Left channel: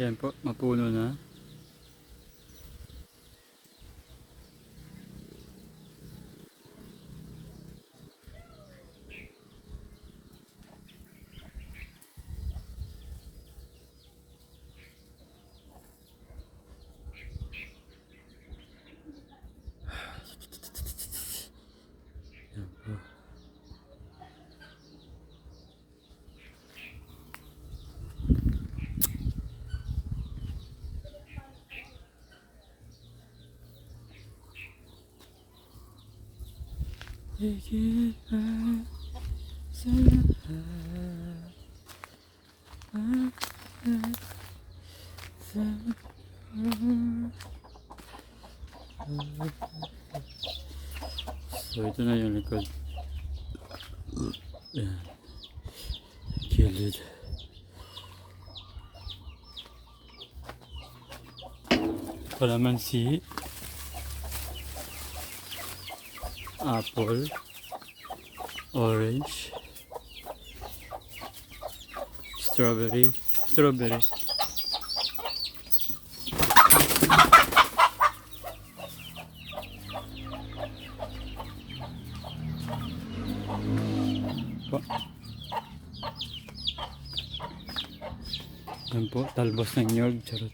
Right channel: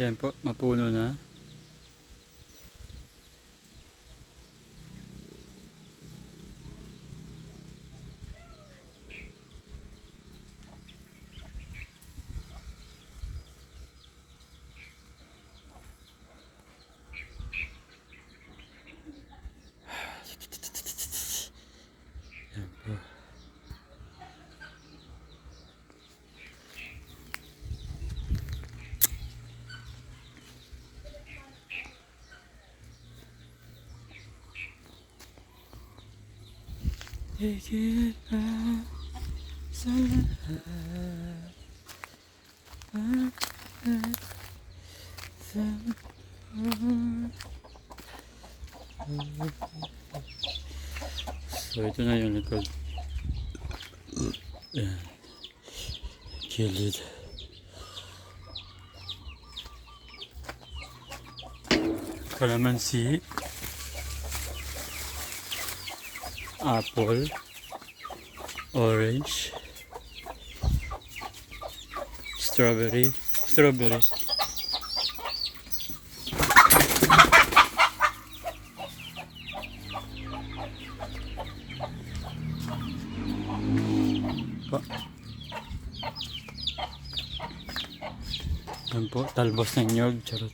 Yan po, mapuno na. Yan po. Higit pa sa lahat, bakit sa so ito na yung likod. Yan. Kilid. Kalamansi. Apple, orange, strawberry. Po. Yan po, talbos ng nyog, charot.